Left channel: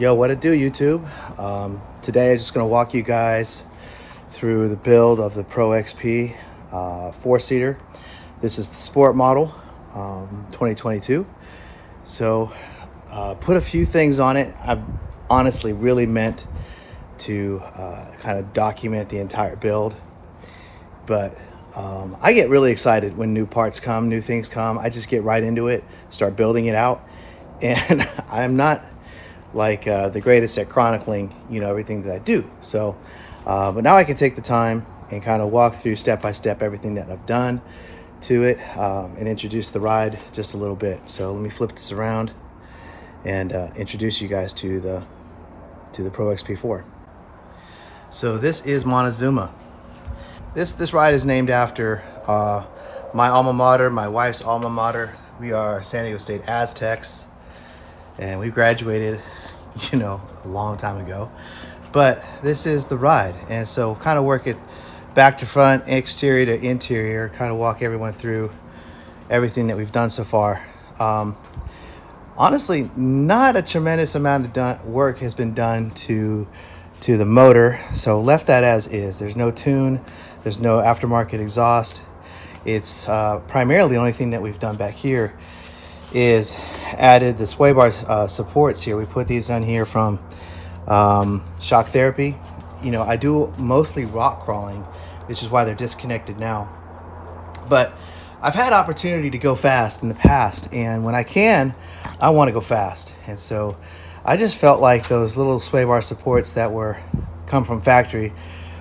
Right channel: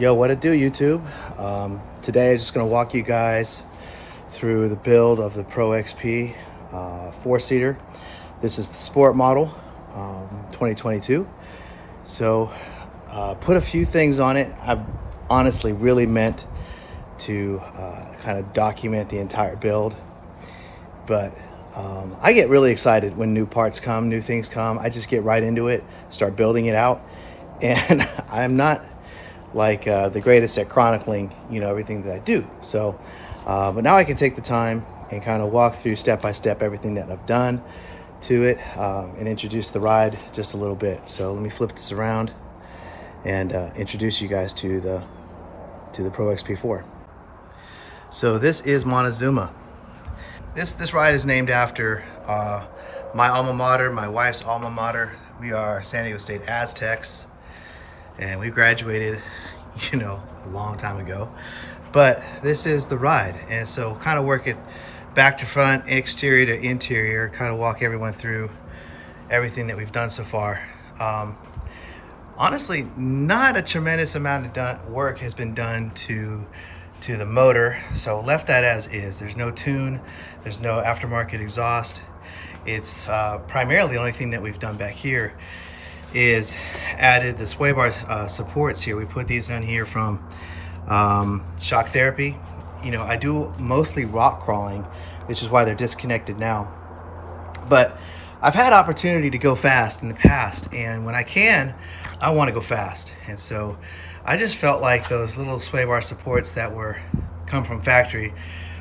Yo, what it do, YouTube? Today I'm just going to walk you guys through the build of the Pro XP four-seater. This is the sport model, 2022. So put a few things on it. I've honestly really meant to kind of document the entire build, but I get really excited when new parts come, new things come. I just get right into it, start building it out, and I'm not like the greatest at chronicling, everything that I do. So, but now I can take the time and kind of walk through step by step everything that I've done to it, and introduce the ride just a little bit. So let me flip this around and introduce you guys to the Pro XP4. So this is Montezuma. This ride is named after my alma mater, my wife's alma mater. We are San Diego State Aztecs, and we graduated, a long time ago. But this is the ride, and so kind of work it back to front, exterior to interior, kind of walk everyone through everything that we've done so far. Honestly, not a tremendous amount of work has been done to the motor, so left that as is. There's no tune, there's no aftermarket exhaust. It's primarily the only thing that we've done back here is added the sway bar supports here. We put these in here from Shock Therapy. I do mostly rock crawling, which is why they're disconnected now. But I've had opportunity to go fast in the past, and when I can, I want to go fast. And so I just felt like those little sway bar supports that come from factory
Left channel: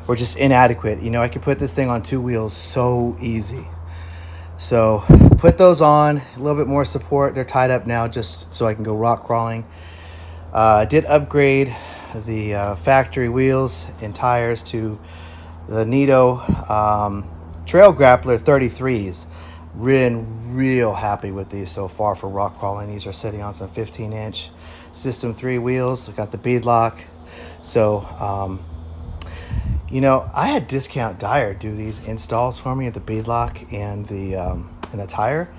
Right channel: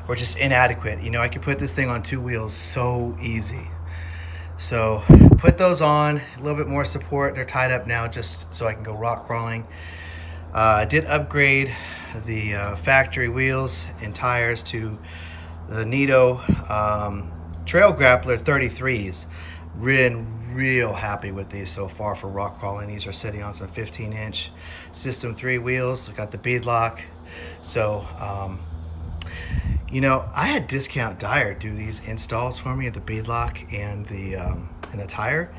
were just inadequate. I could put this thing on two wheels so easy. So put those on, a little bit more support. They're tied up now just so I can go rock crawling. I did upgrade the factory wheels and tires to the Nito Trail Grappler 33s. Real happy with these so far for rock crawling. These are sitting on some 15-inch System 3 wheels. I've got the bead lock. So, I had Discount Dyer do these installs for me at the bead lock and the tire.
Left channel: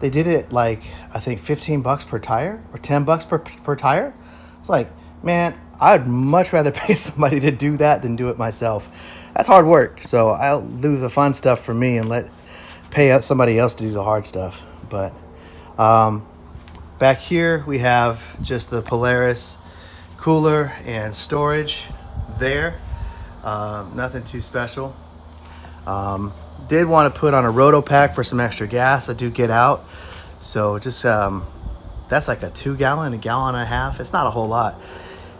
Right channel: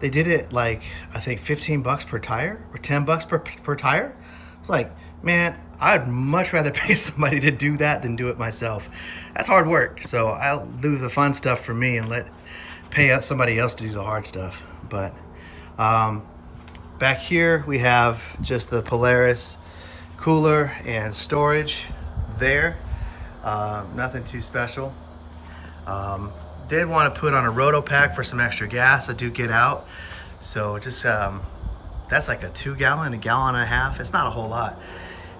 They did it like, I think $15 per tire or $10 per tire. It's like, man, I'd much rather pay somebody to do that than do it myself. That's hard work. So I'll do the fun stuff for me and pay somebody else to do the hard stuff. But back here we have just the Polaris cooler and storage there. Nothing too special. Did want to put on a roto pack for some extra gas. I do get out, so just that's like a 2 gallon, a gallon and a half. It's not a whole lot,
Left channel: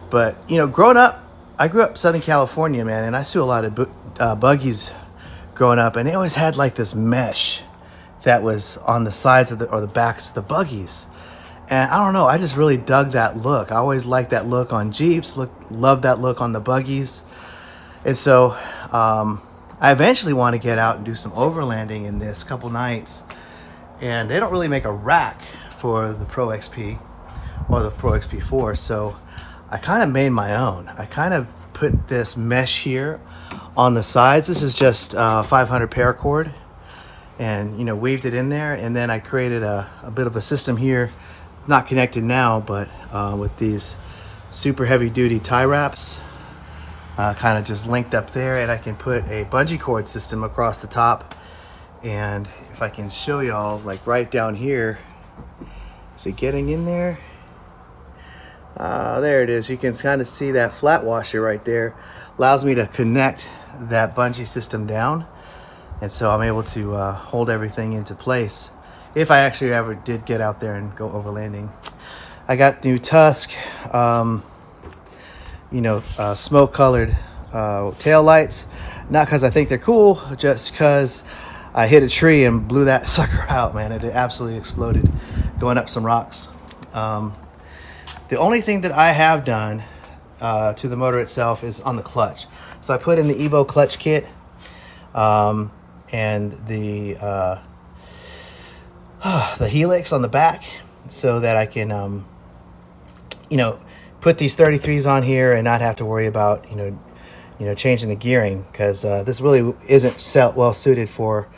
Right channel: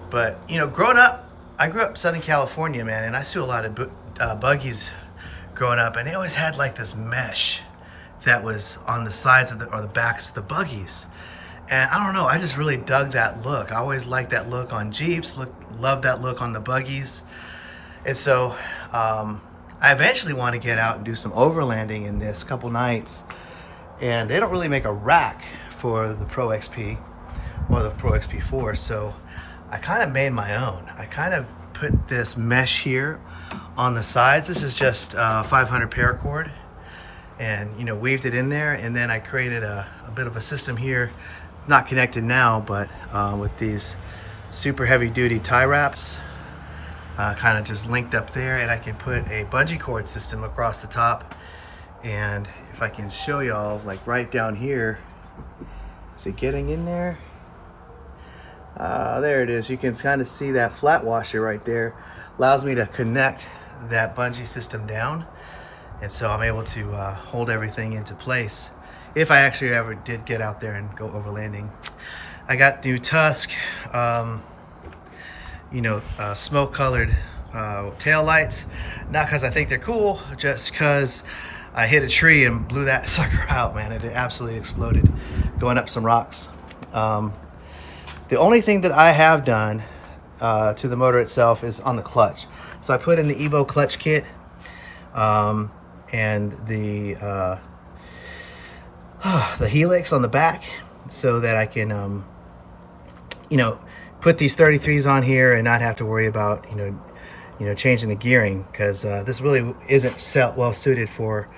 but growing up, I grew up in Southern California, man, and I saw a lot of buggies growing up, and they always had like this mesh that was on the sides of the backs of the buggies. And I don't know, I just really dug that look. I always liked that look on Jeeps, loved that look on the buggies. And so I eventually want to get out and do some overlanding in this couple nights. And they don't really make a rack for the Pro XP or the Pro XP4. So I kind of made my own. I kind of put this mesh here on the sides. This is just 500 paracord, and weaved it in there. And then I created a bit of a system here, not connected now, but with these super heavy duty tie wraps. Kind of just linked up there, and I can put a bungee cord system across the top. And if I can show y'all, like right down here, is it getting in there? There it is. You can kind of see that flat washer right there. Allows me to connect that bungee system down, and so I'm able to hold everything into place if I actually ever did get out there and go overlanding. I got new Tusk smoke colored tail lights, not because I think they're cool, just because I hit a tree and blew that sucker out, man. It absolutely exploded going up some rocks. The only thing that I have done to the motor itself is on the clutch. So I put in the Evo clutch kit and the helix on the back, so that I can put these 33s on here and not have to worry about changing the gearing, because this really isn't well suited for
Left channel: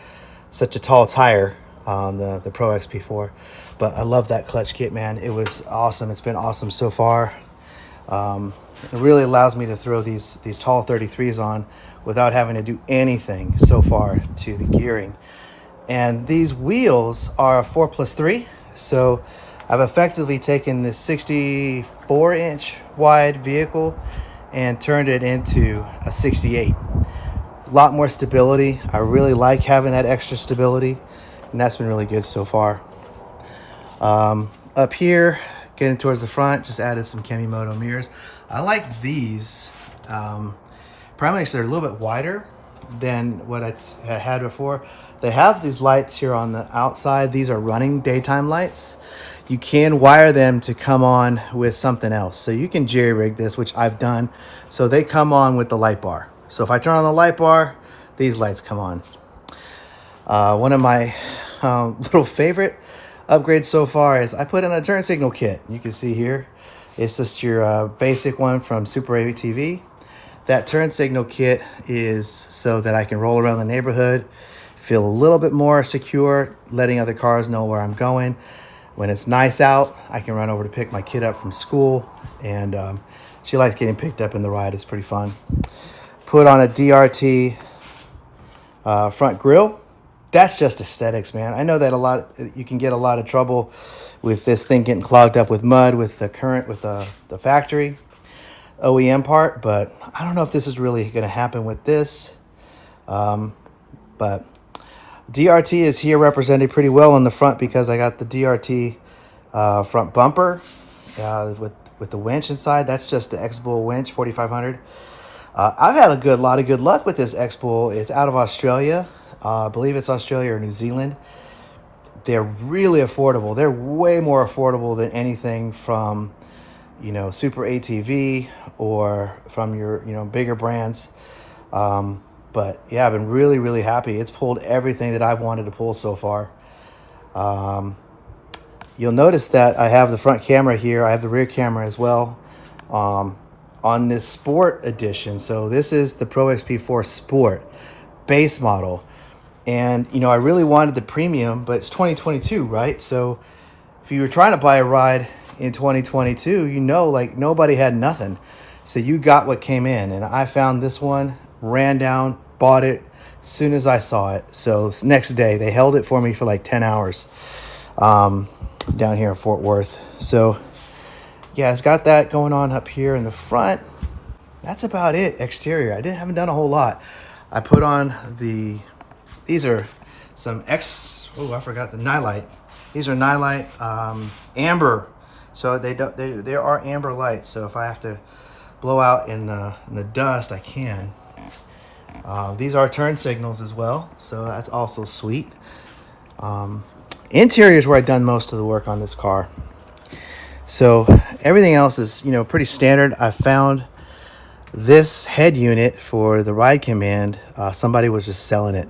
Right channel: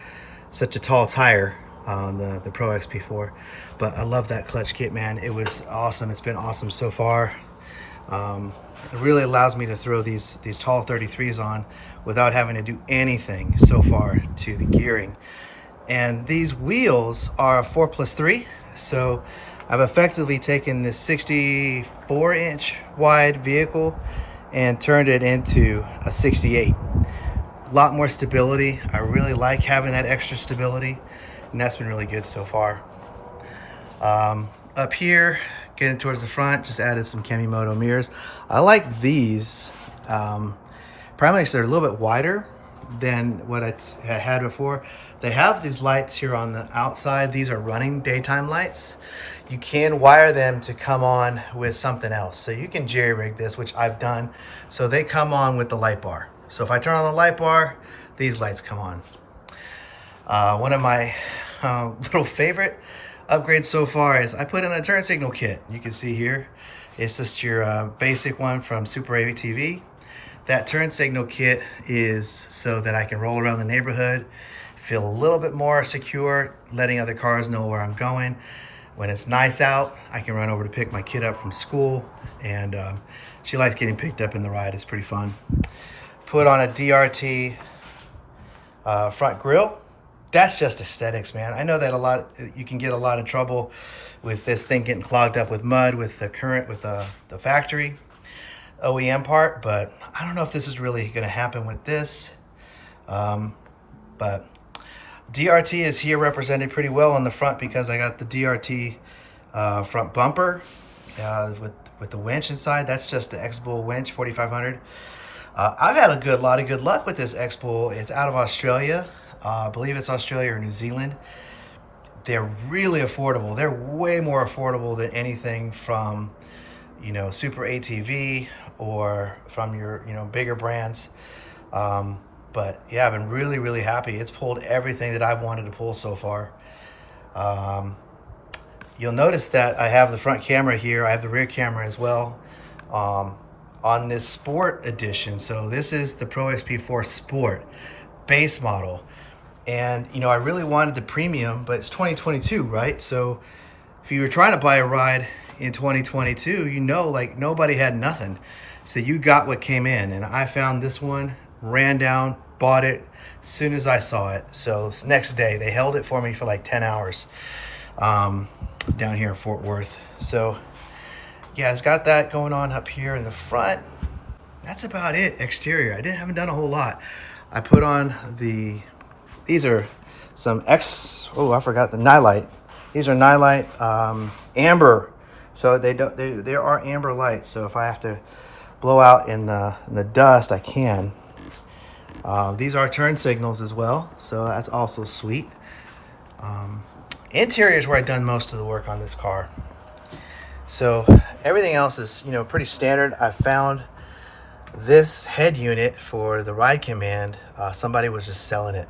such a tall tire on the Pro XP4. But I love that clutch kit, man. It was awesome. It's been awesome so far. It really allows me to throw these tall 33s on without having to do anything so far to the gearing. And these wheels are a 4+3, so I've effectively taken this 64-inch wide vehicle and turned it into a 68. A lot more stability. I really like having that extra stability, and that's been really good so far. Up here, getting towards the front, just added some Kemimoto mirrors. I like these. Primarily because they're a little bit wider than what I had before. They have these lights here on the outside. These are running daytime lights. You can wire them to come on with something else. So you can jerry rig this, which I've done. So they come on with the light bar. So if I turn on the light bar, these lights come on. One of my little favorite upgrades so far is I put in a turn signal kit. You can see here, it's just your basic one from Super ATV. That turn signal kit is so that I can roll around the neighborhood, feel a little bit more secure, letting other cars know where I'm going. When it's nice out, I can run over to pick my kid up from school, and she likes getting picked up in the ride. It's pretty fun. Put on a DRT front grille. That's just aesthetics, man. I know that you can get a lot of trouble with this thing getting clogged up with mud with the factory OEM part, but I don't know if this is really going to happen with this. But DRT is here represented pretty well on the front because I got the DRT front bumper with the winch inside. That's just the X-Bull winch 4500. I've had a lot of good luck with this X-Bull. It's out of Australia. I believe it's Australia or New Zealand. They're really affordable. They're way more affordable than anything from, Super ATV or from your, bigger brands. But yeah, I've been really, really happy. It's pulled everything that I've wanted to pull so far. You'll notice that I have the front camera here. I have the rear camera as well on this Sport edition. So this is the Pro XP4 Sport base model. And, I really wanted the premium, but it's 2022, right? So if you were trying to buy a ride in 2022, nobody had nothing. So you got what came in. And I found this one, ran down, bought it as soon as I saw it. So next day, they held it for me for like 10 hours down here in Fort Worth. So yeah, it's got that going on up here in the front. That's about it, exterior. I haven't done a whole lot. I put on these are some I forgot the nightlight. These are nightlight amber. So they are amber lights. So if I have to blow out in the dust, I can. These are turn signals as well, so that's also sweet. Interior is where I've done most of the work on this car. So everything else is, pretty standard. I found this head unit for the ride command. Somebody was just selling it.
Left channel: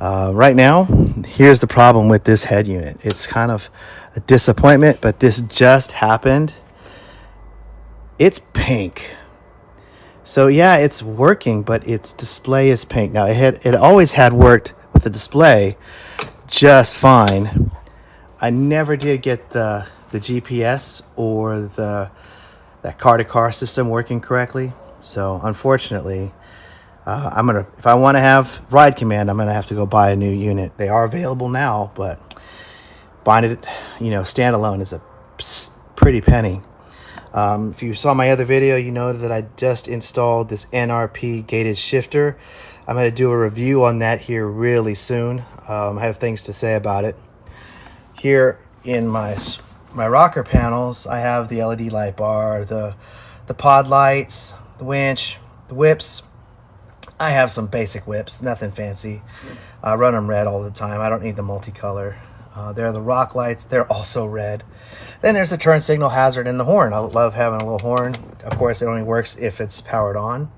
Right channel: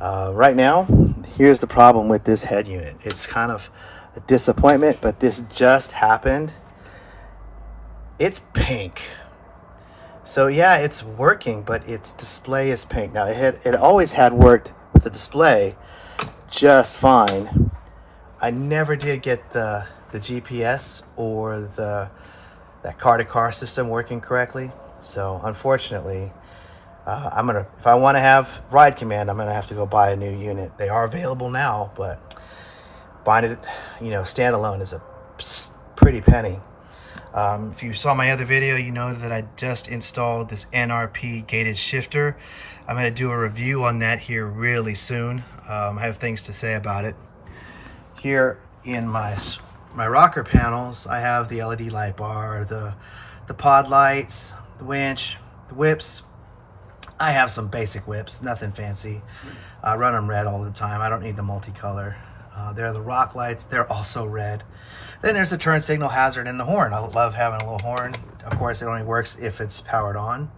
Right now, here's the problem with this head unit. It's kind of a disappointment, but this just happened. It's pink. So yeah, it's working, but its display is pink. Now it always had worked with the display just fine. I never did get the GPS or that car-to-car system working correctly. So unfortunately, if I want to have ride command, I'm gonna have to go buy a new unit. They are available now, but buying it, standalone is a pretty penny. If you saw my other video, you know that I just installed this NRP gated shifter. I'm going to do a review on that here really soon. I have things to say about it. Here in my rocker panels, I have the LED light bar, the pod lights, the winch, the whips. I have some basic whips, nothing fancy. I run them red all the time. I don't need the multicolor. There are the rock lights. They're also red. Then there's the turn signal hazard and the horn. I love having a little horn. Of course, it only works if it's powered on.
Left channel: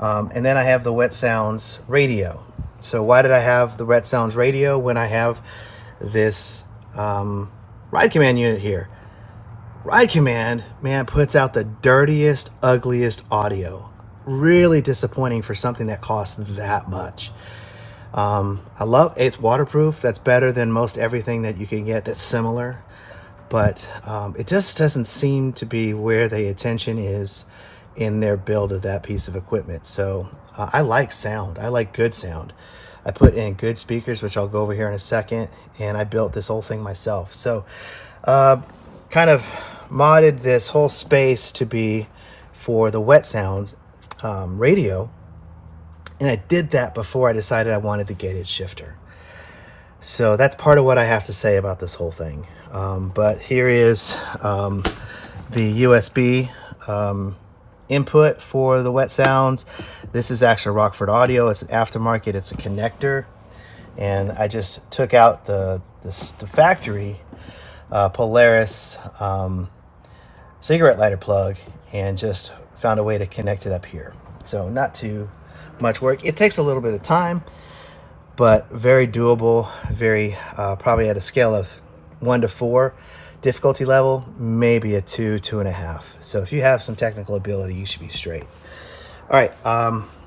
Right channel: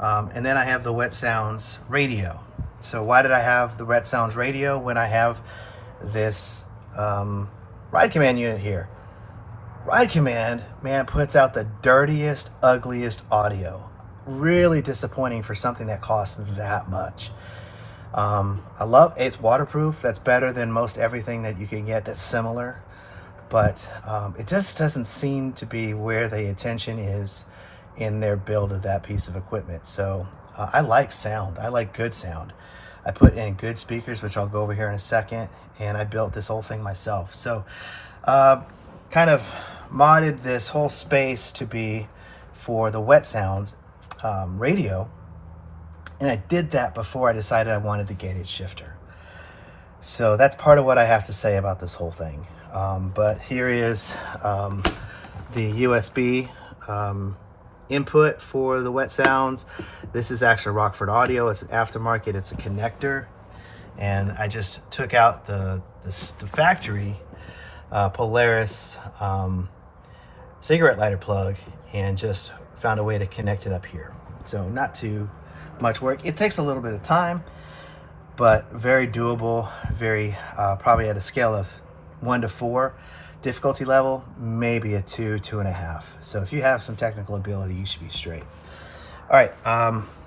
And then I have the Wet Sounds radio. So why did I have the Wet Sounds radio when I have this ride command unit here? Ride command, man, puts out the dirtiest, ugliest audio. Really disappointing for something that costs that much. I love it's waterproof. That's better than most everything that you can get that's similar. but it just doesn't seem to be where the attention is in their build of that piece of equipment. So I like sound. I like good sound. I put in good speakers, which I'll go over here in a second, and I built this whole thing myself. So kind of modded this whole space to be for the wet sounds radio, and I did that before I decided I wanted the gated shifter. So that's part of what I have to say about this whole thing. But here is the USB input for the wet sounds. This is actually Rockford Audio. It's an aftermarket. It's a connector, and I just took out the factory Polaris cigarette lighter plug and just found a way to connect it up here. So not too much work. It takes a little bit of time, but very doable. Very probably at a scale of 1 to 4 difficulty level, maybe a 2, 2.5. So if you have some technical ability, you should be straight. All right,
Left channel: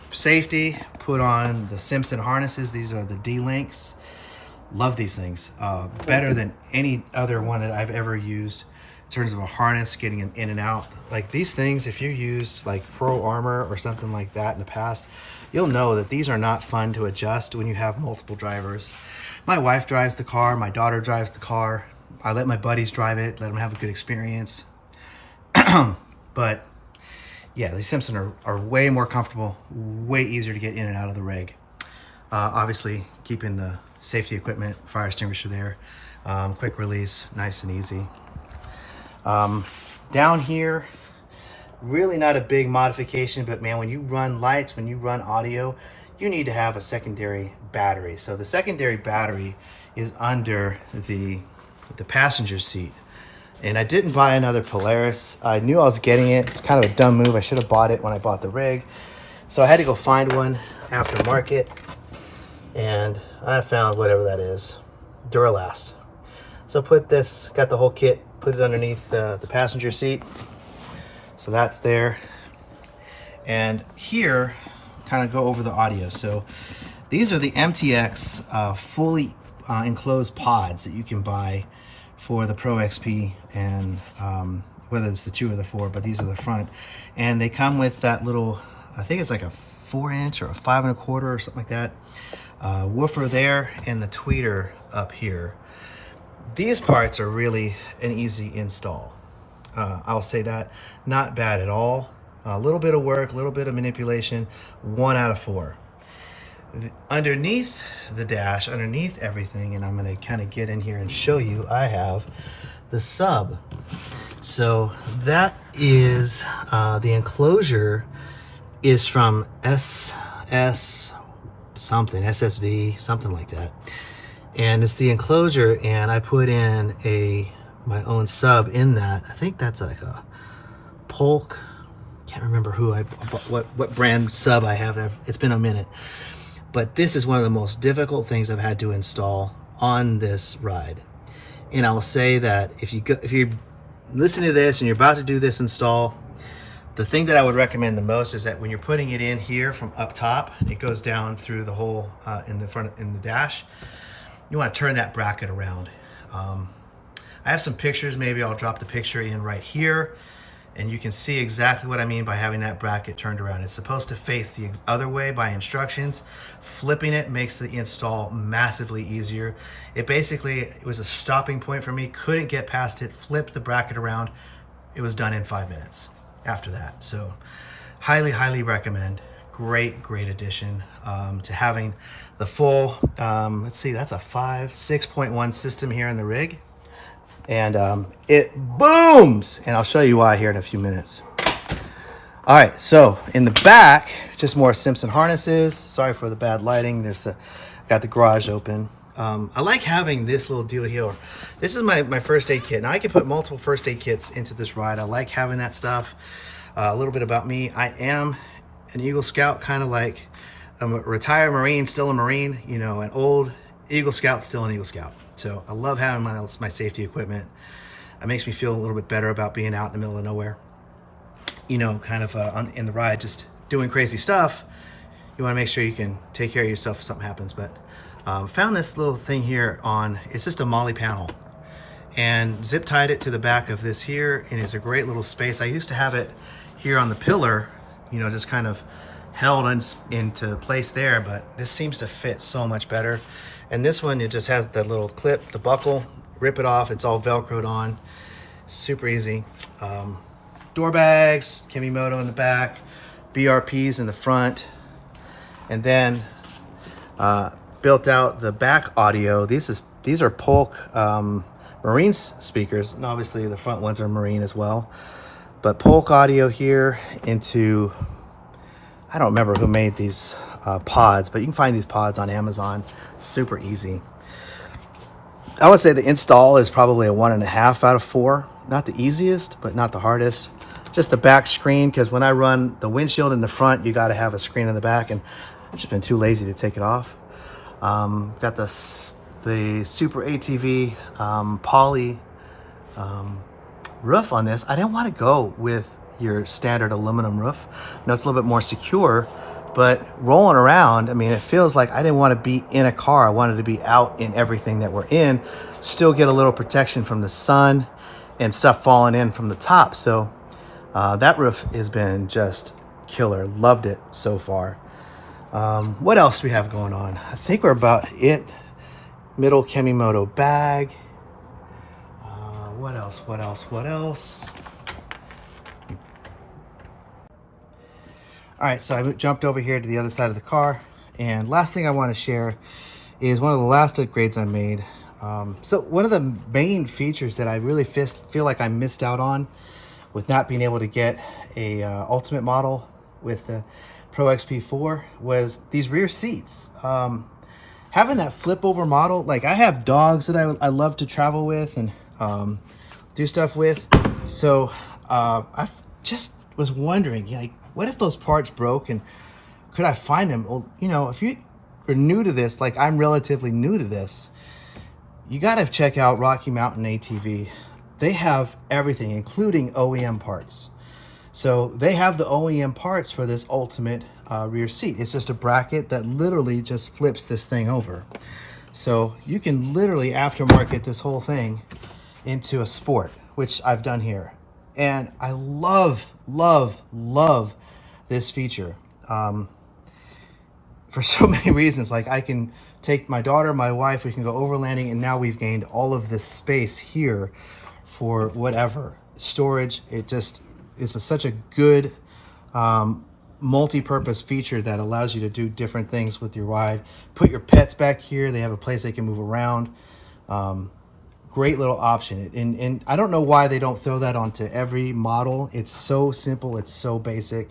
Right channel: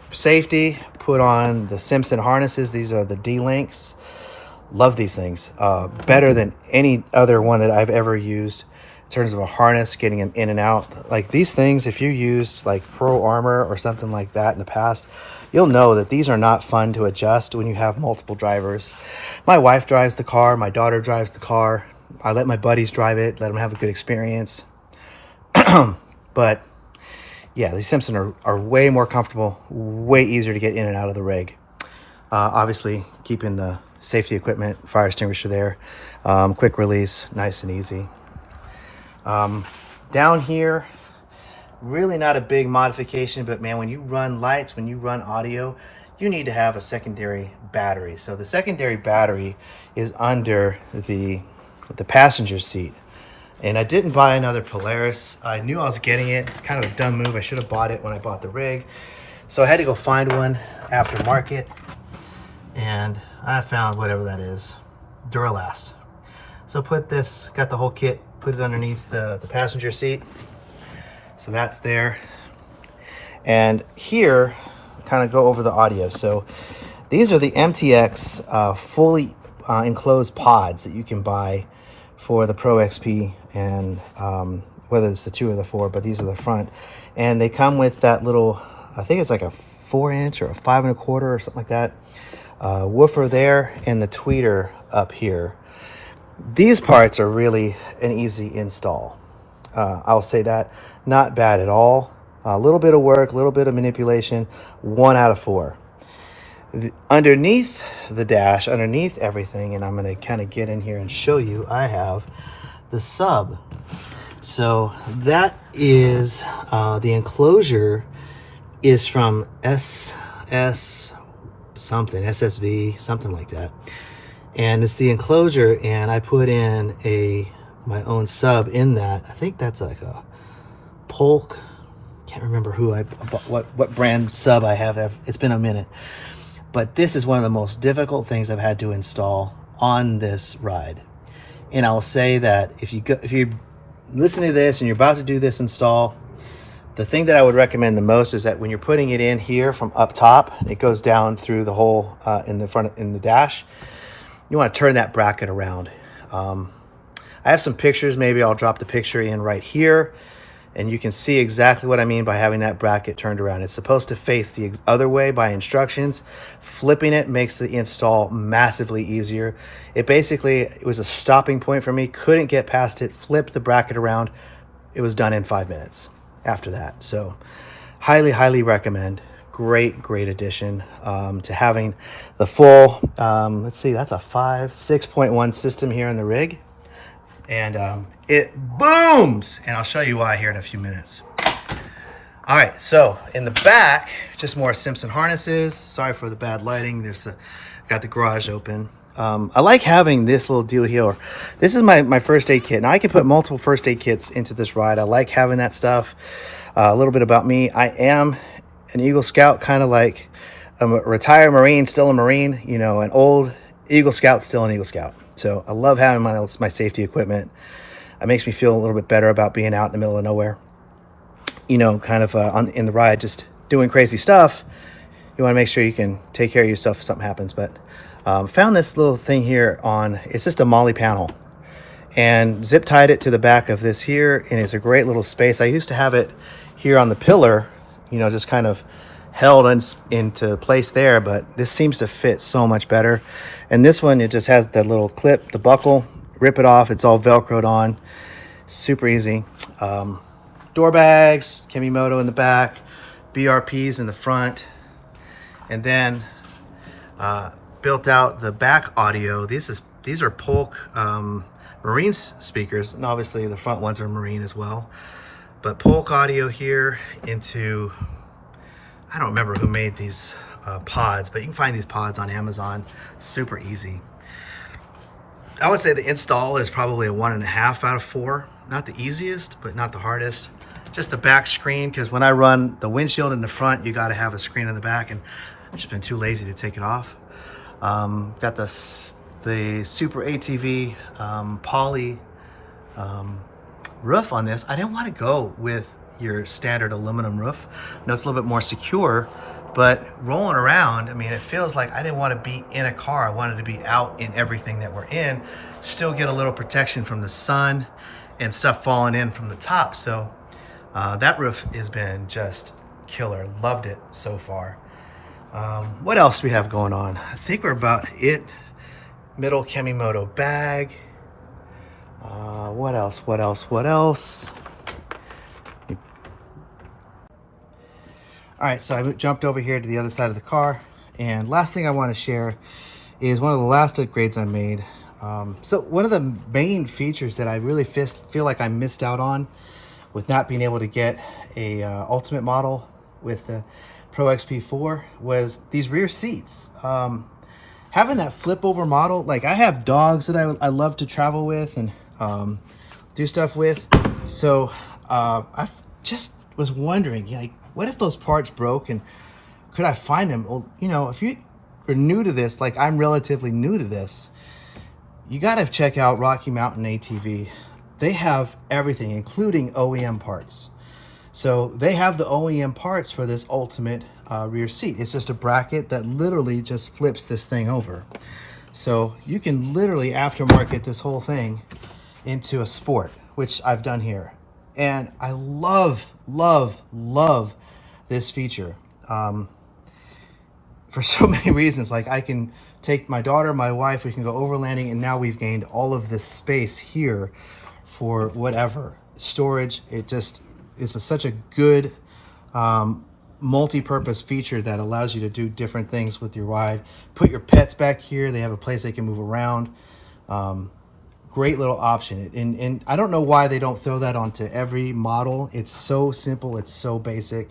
safety, put on the Simpson harnesses. These are the D-Links. Love these things. Better than any other one that I've ever used in terms of a harness, getting them in and out. Like these things, if you used like Pro Armor or something like that in the past, you'll know that these are not fun to adjust when you have multiple drivers. My wife drives the car. My daughter drives the car. I let my buddies drive it, let them have a good experience. But yeah, these Simpson are way more comfortable, way easier to get in and out of the rig. Obviously, keeping the safety equipment, fire extinguisher there. Quick release, nice and easy. Down here, really not a big modification, but man, when you run lights, when you run audio, you need to have a secondary battery. So the secondary battery is under the passenger seat. And I didn't buy another Polaris. I knew I was getting it. It's kind of a dumb move. I should have bought it when I bought the rig. So I had to go find one aftermarket. And I found whatever that is, Duralast. So got the whole kit, put it underneath the passenger seat. So that's there. And here, kind of go over the audio. So these are the MTX fully enclosed pods that you can buy for the Pro XP, and whether it's the 2 or the 4, but these are the front. And they come with that little, I think it's like a 4-inch or a 5 1/4 or something like that, woofer there, and the tweeter up here. These parts are really an easy install. I'll say that. Not bad at all. A little bit of work, a little bit of manipulation, 1 out of 4. Underneath the dash, underneath everything, and I'm going to kind of get in here and show you, I have the sub. So that is the enclosure is from SSV, something like that. And it's the enclosure, and I put in my own sub in that. I think that's like a Polk. Can't remember what brand sub I have. It's been a minute. But this is one of the most difficult things I've had to install on this ride. And I will say that if you're listening to this and you're about to do this install, the thing that I would recommend the most is that when you're putting it in here from up top, it goes down through the hole in the dash. You want to turn that bracket around. I have some pictures. Maybe I'll drop the picture in right here, and you can see exactly what I mean by having that bracket turned around. It's supposed to face the other way by instructions. Flipping it makes the install massively easier. It was a stopping point for me. Couldn't get past it. Flipped the bracket around. It was done in 5 minutes after that. So highly, highly recommend. Great addition to having the full, let's see, that's a 6.1 system here in the rig. And it booms, and I'll show you why here in a few minutes. All right, so in the back, just more Simpson harnesses. Sorry for the bad lighting. Got the garage open. I like having this little deal here. This is my first aid kit. Now I can put multiple first aid kits into this ride. I like having that stuff. A little bit about me. I am an Eagle Scout, kind of like a retired Marine, still a Marine, an old Eagle Scout, still an Eagle Scout. So I love having my safety equipment. It makes me feel a little bit better about being out in the middle of nowhere. Kind of in the ride, just doing crazy stuff. You want to make sure you can take care of yourself if something happens. But found this little thing here it's just a MOLLE panel. and zip tied it to the back of this here, and it's a great little space. I used to have it here on the pillar, you know, just kind of held into place there, but this seems to fit so much better. And this one, it just has the little clip, the buckle, rip it off, it's all Velcroed on, super easy. Door bags, Kemimoto in the back, BRPs in the front, and then built out the back audio. These are Polk Marine speakers, and obviously the front ones are Marine as well. But Polk audio here into, I don't remember who made these pods, but you can find these pods on Amazon, super easy. I would say the install is probably a 1.5 out of 4. Not the easiest, but not the hardest. Just the back screen, because when I run the windshield in the front, you got to have a screen in the back, and I've just been too lazy to take it off. Got the Super ATV poly roof on this. I didn't want to go with your standard aluminum roof. I know it's a little bit more secure, but rolling around, I mean, it feels like I didn't want to be in a car. I wanted to be out in everything that we're in, still get a little protection from the sun and stuff falling in from the top. So that roof has been just killer. Loved it so far. What else do we have going on? I think we're about it. Middle Kemimoto bag. What else? All right, so I jumped over here to the other side of the car, and last thing I want to share is one of the last upgrades I made. So one of the main features that I really feel like I missed out on with not being able to get a Ultimate model with the Pro XP4 was these rear seats. Having that flip over model, like I have dogs that I love to travel with and do stuff with. So I just was wondering, like, what if those parts broke and could I find them? Well, you know, if you are new to this, like I'm relatively new to this, you got to check out Rocky Mountain ATV. They have everything, including OEM parts. So they have the OEM parts for this Ultimate rear seat. It's just a bracket that literally just flips this thing over. So you can literally aftermarket this whole thing into a Sport, which I've done here. And I love this feature for so many reasons. Like I can take my daughter, my wife, we can go overlanding, and now we've gained all of this space here for whatever storage. It just is such a good multi-purpose feature that allows you to do different things with your ride. Put your pets back here. They have a place they can move around. Great little option. And I don't know why they don't throw that onto every model. It's so simple. It's so basic.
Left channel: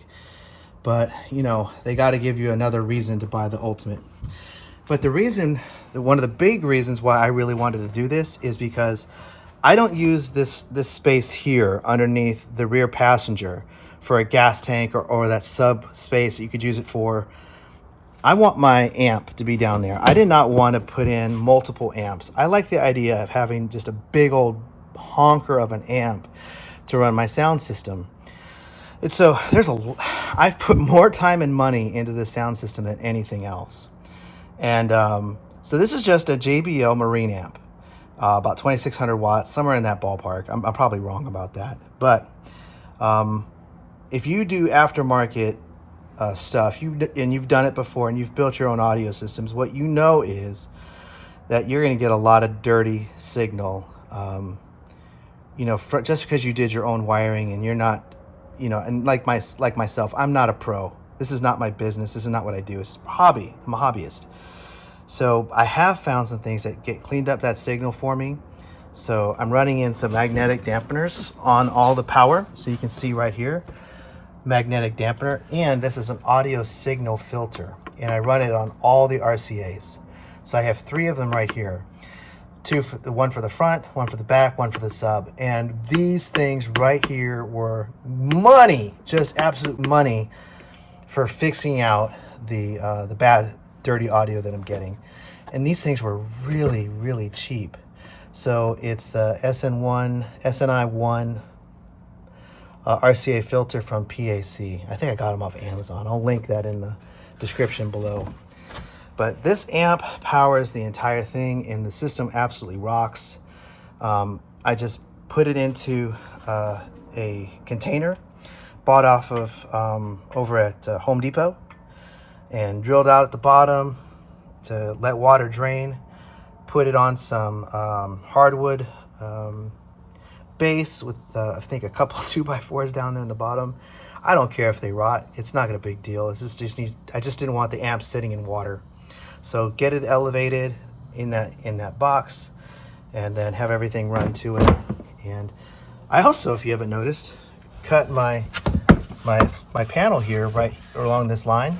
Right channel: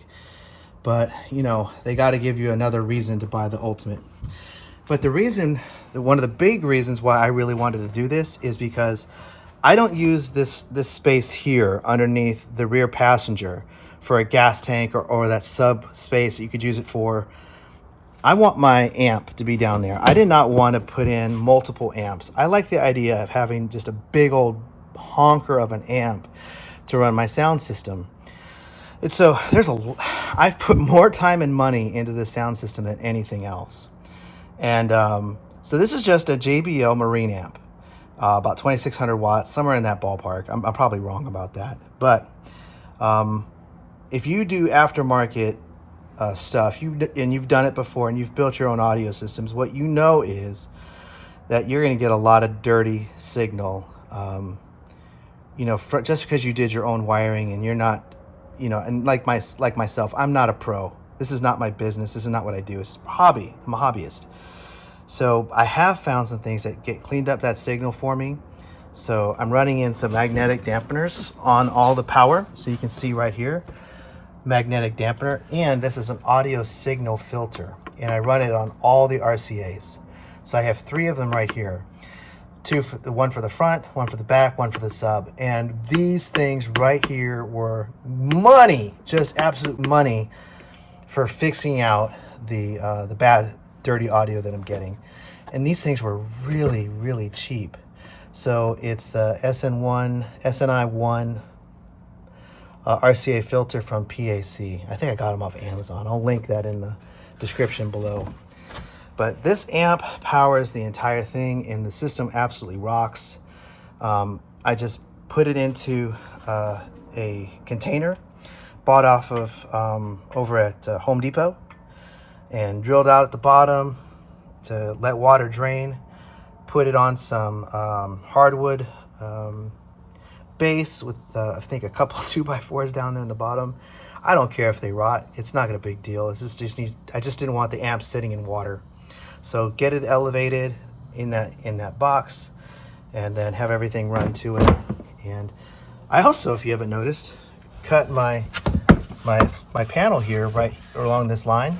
But, you know, they got to give you another reason to buy the Ultimate. But the reason, one of the big reasons why I really wanted to do this is because I don't use this space here underneath the rear passenger for a gas tank or that sub space that you could use it for. I want my amp to be down there. I did not want to put in multiple amps. I like the idea of having just a big old honker of an amp to run my sound system. And so I've put more time and money into this sound system than anything else. And so this is just a JBL Marine amp, about 2,600 watts, somewhere in that ballpark. I'm probably wrong about that. But if you do aftermarket stuff, and you've done it before and you've built your own audio systems, what you know is that you're going to get a lot of dirty signal, you know, just because you did your own wiring and you're not, you know, and like myself, I'm not a pro. This is not my business. This is not what I do. It's a hobby. I'm a hobbyist. So I have found some things that get cleaned up that signal for me. So I'm running in some magnetic dampeners on all the power. So you can see right here, magnetic dampener, and this is an audio signal filter, and I run it on all the RCAs. So I have 3 of them right here. One for the front, one for the back, one for the sub. And these things right here were money, just absolute money for fixing out the bad, dirty audio that I'm getting. And these things were really, really cheap. So it's the SNI1 RCA filter from PAC. I think I got them off Amazon. I'll link that in the description below. But this amp powers the entire thing, and the system absolutely rocks. I just put it into a container bought off of over at Home Depot, and drilled out at the bottom to let water drain. Put it on some hardwood base with I think a couple 2x4s down there in the bottom. I don't care if they rot. It's not a big deal. It's just I just didn't want the amp sitting in water. So get it elevated in that box, and then have everything run to it. And I also, if you haven't noticed, cut my panel here right along this line,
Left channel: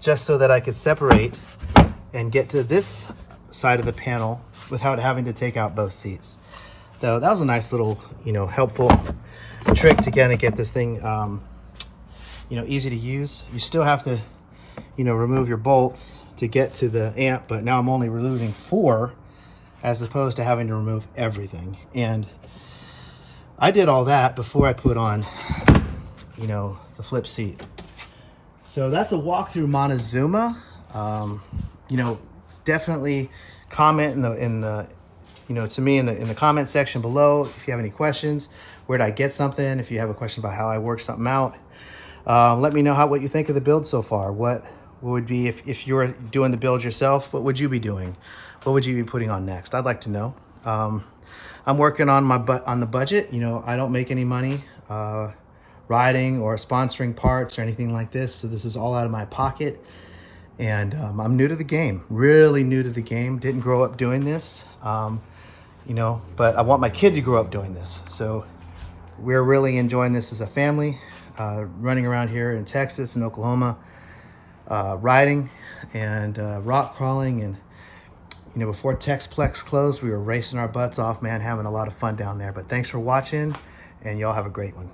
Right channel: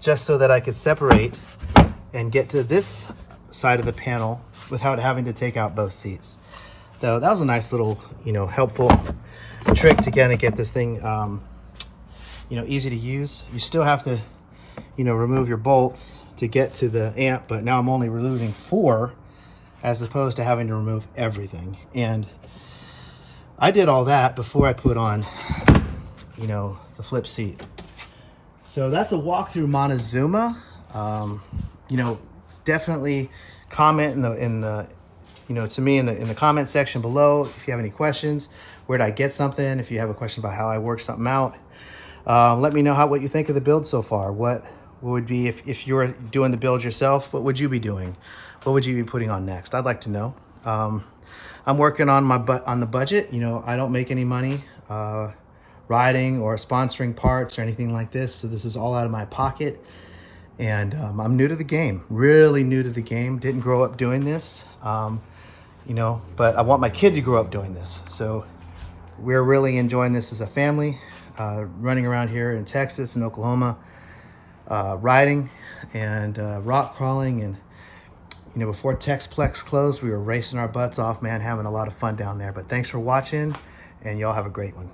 just so that I could separate and get to this side of the panel without having to take out both seats. So that was a nice little, helpful trick to kind of get this thing, easy to use. You still have to, remove your bolts to get to the amp, but now I'm only removing 4 as opposed to having to remove everything. And I did all that before I put on, the flip seat. So that's a walkthrough Montezuma. Definitely comment in the to me in the comment section below if you have any questions. Where did I get something? If you have a question about how I work something out, let me know what you think of the build so far. What would be, if you were doing the build yourself, what would you be doing? What would you be putting on next? I'd like to know. I'm working on on the budget. I don't make any money riding or sponsoring parts or anything like this, so this is all out of my pocket. And I'm new to the game, really new to the game. Didn't grow up doing this, but I want my kid to grow up doing this. So we're really enjoying this as a family, running around here in Texas and Oklahoma, riding and rock crawling. And, before Texplex closed, we were racing our butts off, man, having a lot of fun down there. But thanks for watching, and y'all have a great one.